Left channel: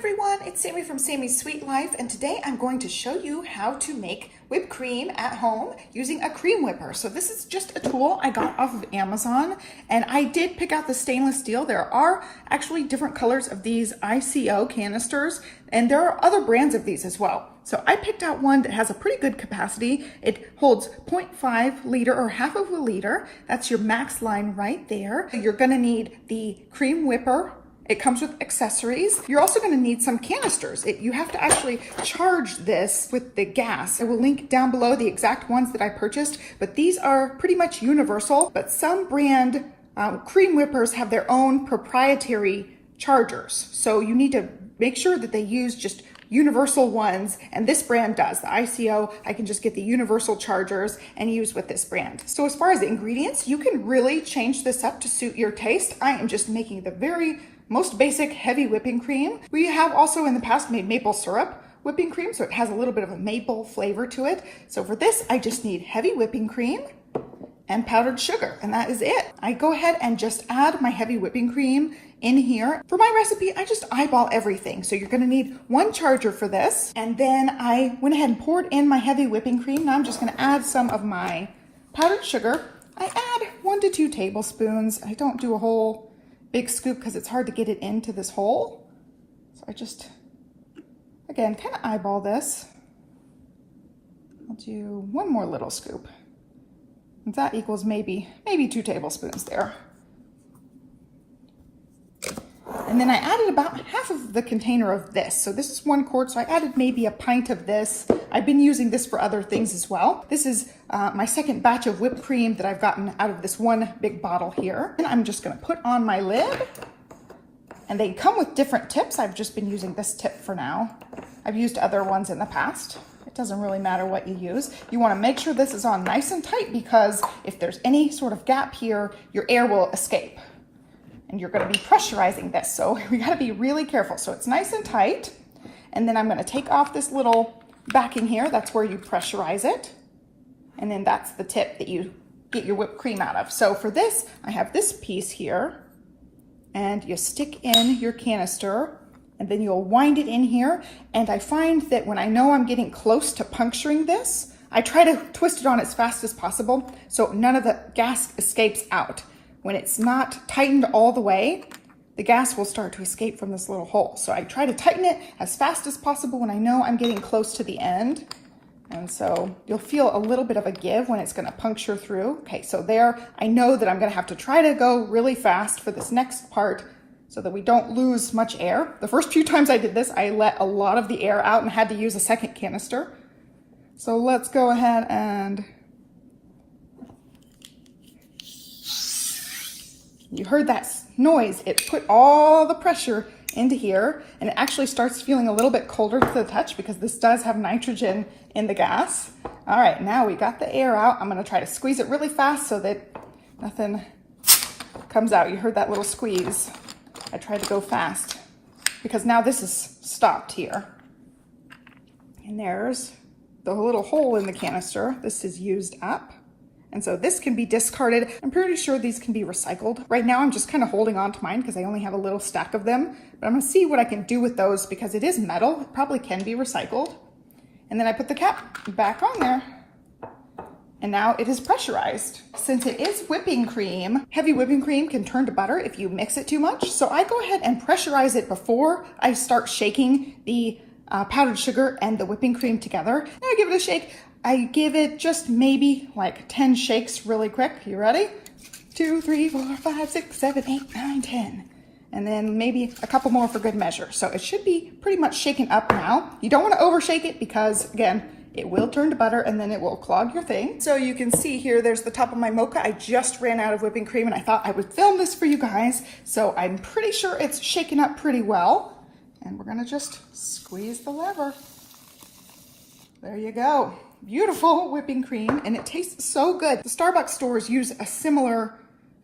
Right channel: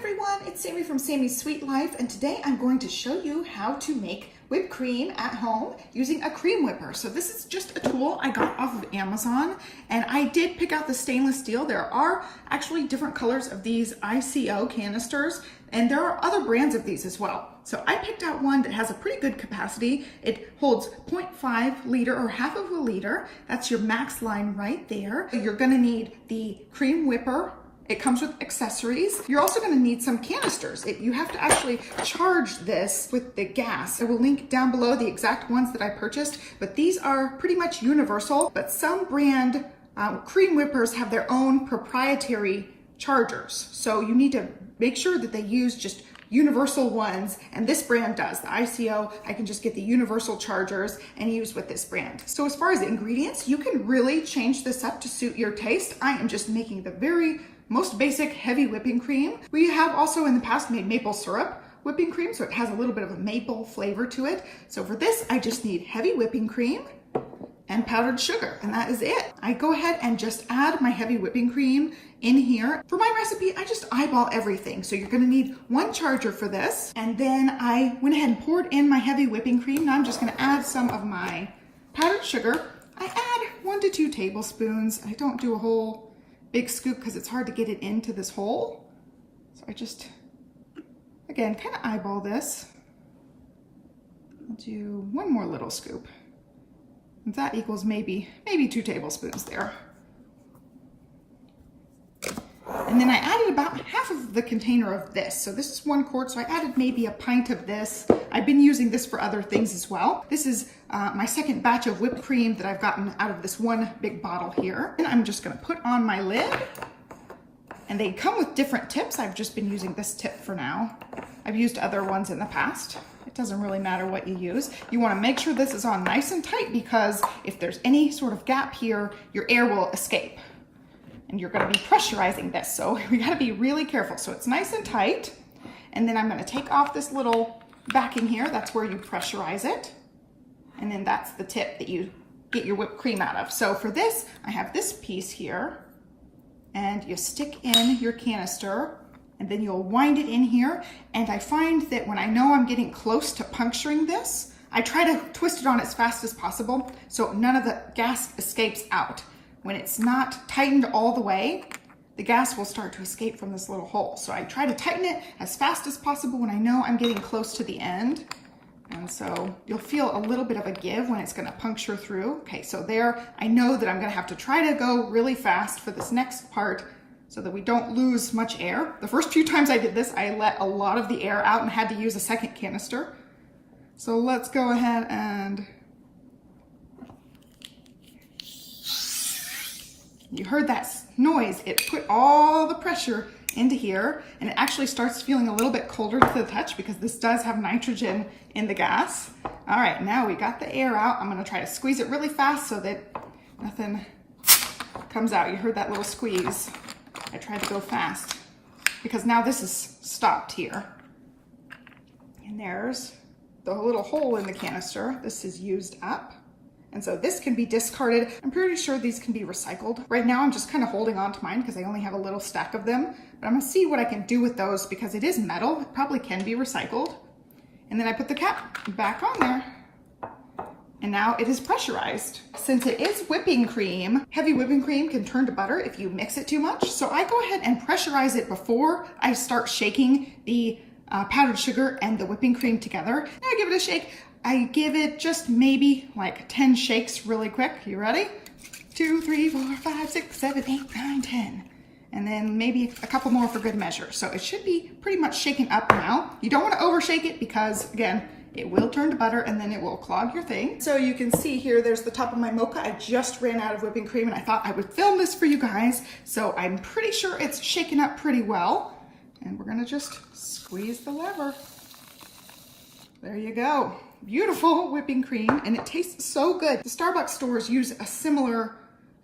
everyone, it's Sami from Sami's Sweet Life, and today I'm going to show you how to make whipped cream at home using a cream whipper. So this is just a tool I got off of Amazon, and I did pick out the stainless steel. There are actually different colors of these ICO canisters, and there are other brands of these as well. So I picked out one that has a pretty good capacity. It holds 0.5 liter or half of a liter. That's your max line right there. You're gonna need the cream whipper. It comes with accessories. You're also gonna need some canisters. You have to actually charge this with the gas. I will link down below the exact ones that I purchased, but these are pretty much universal, but some brand cream whippers have their own proprietary chargers. So you need to make sure that they use just universal ones, and this brand does. The ICO, I can just get the universal chargers and use with this brand. So as far as the ingredients, you can really change this up to suit your taste. I am just making the very most basic heavy whipping cream. We have also in the past made maple syrup whipping cream, so it has a little bit of a maple flavor to it. So for this, I just need heavy whipping cream and powdered sugar, and that is it. I go ahead and just add my heavy whipping cream in here. For my recipe, I just eyeball everything. So you're gonna need one charger for this. And then I went ahead and poured in my heavy whipping cream. Now I'm just gonna add some of my powdered sugar. I add 1 to 2 tablespoons. I don't do a whole big scoop because it's hard to get it into this hole. So I just, again, kind of eyeball this. I'll do 1 more little scoop. And that equals maybe 2 tablespoons there. And then I added about half of the container of this. So this is 1 quart, so I added maybe a pint of this. I've been using this for other things as well. This is my second batch of whipped cream that I've gotten out of this one big bottle here. And I'm just gonna put on my lid. And they come with different tips. I've just been using this tip for now. I've used other ones in the past. It doesn't really matter what you use. You wanna make sure this is on nice and tight, because if there's any sort of gap here, your air will escape. And you're gonna be pressurizing this, so we gotta be really careful. So it's nice and tight. And then I'm gonna take off this little backing here. That's where you pressurize it. And then that's the tip that you get your whipped cream out of. So for this, I have this piece here, and you stick in your canister, and then you'll wind it in here. And I find that when I know I'm getting close to puncturing this, I try to twist it on as fast as possible so none of the gas escapes out. When it's not tightened all the way, the gas will start to escape from this little hole. So I try to tighten it as fast as possible when I know I'm getting close to the end. And so you'll feel a little bit of a give when it's gonna puncture through. Okay, so there, I know that I'm gonna have to try to go really fast for this next part so that we don't lose much air. The first few times I did this, I let a lot of the air out and had to use a second canister. So let's go ahead and, you heard that noise. It put all the pressure into here, and it actually starts feeling a little bit colder to the touch because this does have nitrogen in the gas. All right, now we got the air out. I'm gonna try to squeeze it really fast so that nothing comes out. You heard that little squeeze. I tried to go fast because now this is stopped here. And there's the little hole in the canister. This is used up. And so this can be discarded. I'm pretty sure these can be recycled. Right now, I'm just kind of holding on to mine because I only have a little stack of them, but I'm gonna see what I can do with those because it is metal. It probably can be recycled. And then I put the cap back on there. And now it is pressurized. Since it is whipping cream, heavy whipping cream can turn to butter if you mix it too much. So I go ahead and pressurize it before I start shaking the powdered sugar and the whipping cream together. Now I give it a shake. I give it just maybe like 10 shakes really quick. You ready? 2, 3, 4, 5, 6, 7, 8, 9, 10. And then maybe a couple more for good measure. So it should be pretty much shaken up now. You don't want to overshake it because, again, it will turn to butter and then it will clog your thing. So you can see here, there's the top of my mocha. I just ran out of whipping cream and I thought I would film this for you guys. So I'm pretty sure it's shaken up pretty well. And we're gonna just squeeze the lever. There you go. Beautiful whipping cream, and it tastes so good. The Starbucks stores use a similar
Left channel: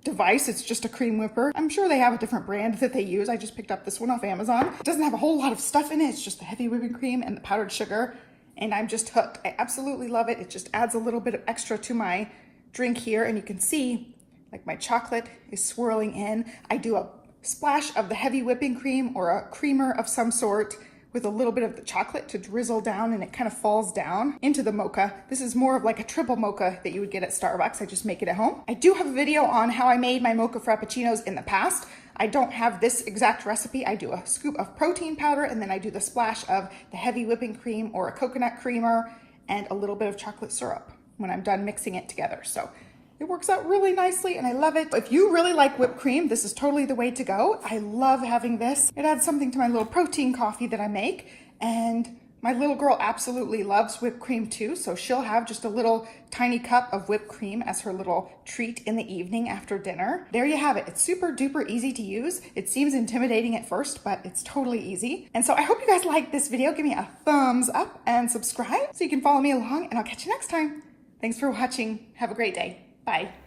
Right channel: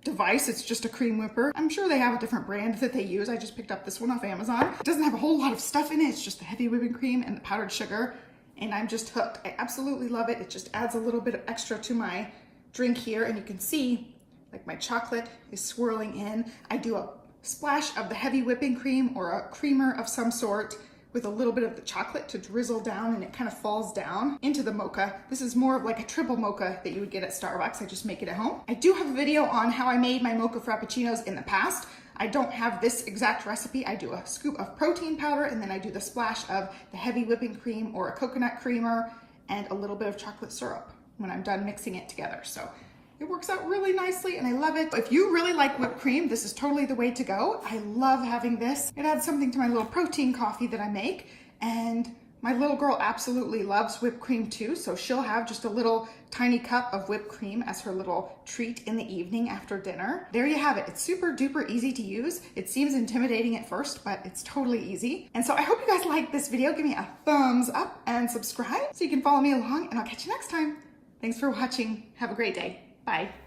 device. It's just a cream whipper. I'm sure they have a different brand that they use. I just picked up this one off Amazon. It doesn't have a whole lot of stuff in it. It's just the heavy whipping cream and the powdered sugar, and I'm just hooked. I absolutely love it. It just adds a little bit of extra to my drink here, and you can see like my chocolate is swirling in. I do a splash of the heavy whipping cream or a creamer of some sort with a little bit of the chocolate to drizzle down, and it kind of falls down into the mocha. This is more of like a triple mocha that you would get at Starbucks. I just make it at home. I do have a video on how I made my mocha frappuccinos in the past. I don't have this exact recipe. I do a scoop of protein powder, and then I do the splash of the heavy whipping cream or a coconut creamer and a little bit of chocolate syrup when I'm done mixing it together. So it works out really nicely and I love it. If you really like whipped cream, this is totally the way to go. I love having this. It adds something to my little protein coffee that I make, and my little girl absolutely loves whipped cream too, so she'll have just a little tiny cup of whipped cream as her little treat in the evening after dinner. There you have it. It's super duper easy to use. It seems intimidating at first, but it's totally easy. And so I hope you guys liked this video. Give me a thumbs up and subscribe so you can follow me along, and I'll catch you next time. Thanks for watching. Have a great day. Bye.